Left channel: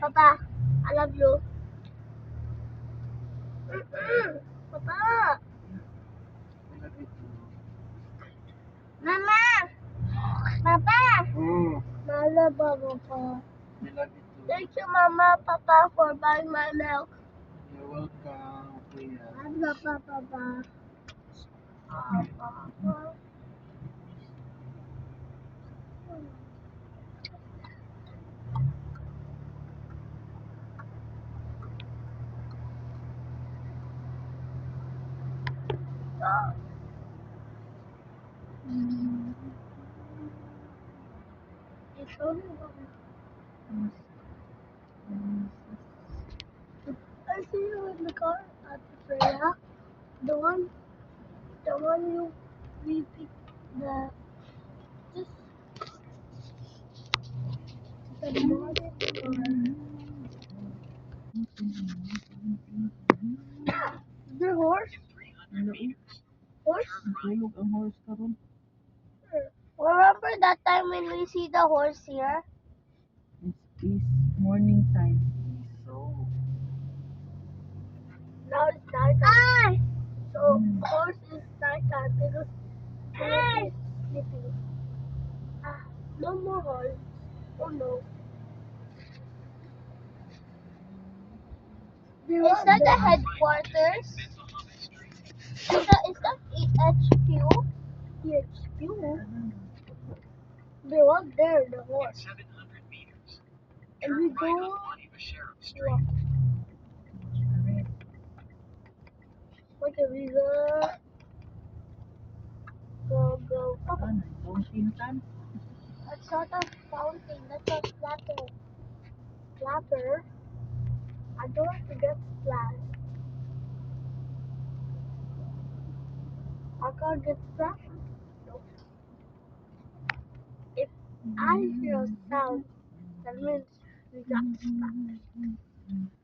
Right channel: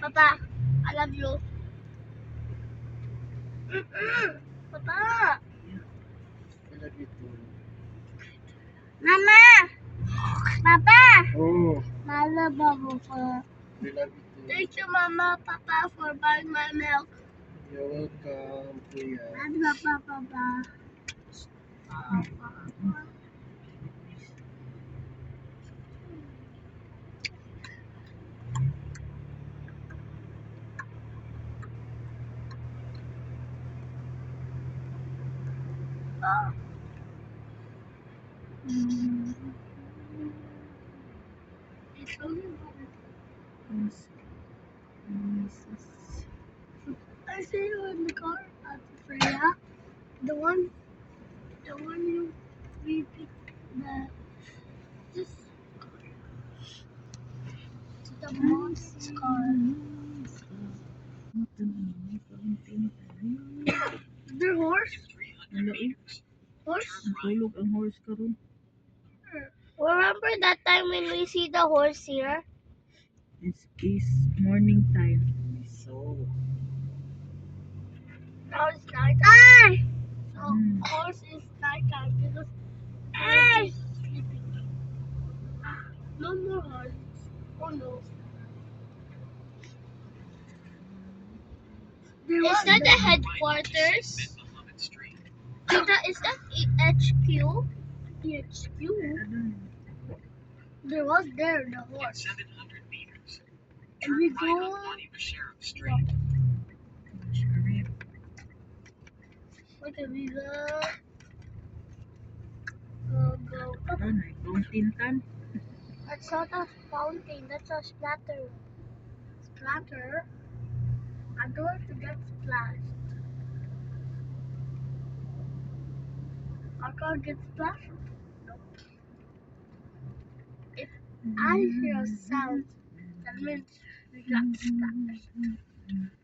Papa, I love you. Papa. Mama. Papa. I love Papa. Thank you, Mama, Papa, for buying my milk. You're welcome, Kuya. I love Papa. It's only one. I see you in the car at Freya. The one you repeat the just the mom's car. The horse? Horse? Tulog ang horse karon. Remember that time when we see the horse here? It is morning time. So, Now it's nighttime. So horse is nighttime because horse is sleeping. No more horse. Oh no. Is that the headquarters? Is that HQ? HQ? There was the horse. And we go. Okay, we go. Go. fountain time. That's not a fountain. That's a splatter. Splatter. I don't want to get splashed. I can't get splashed. Nope. If I hear a sound, that means we got splashed.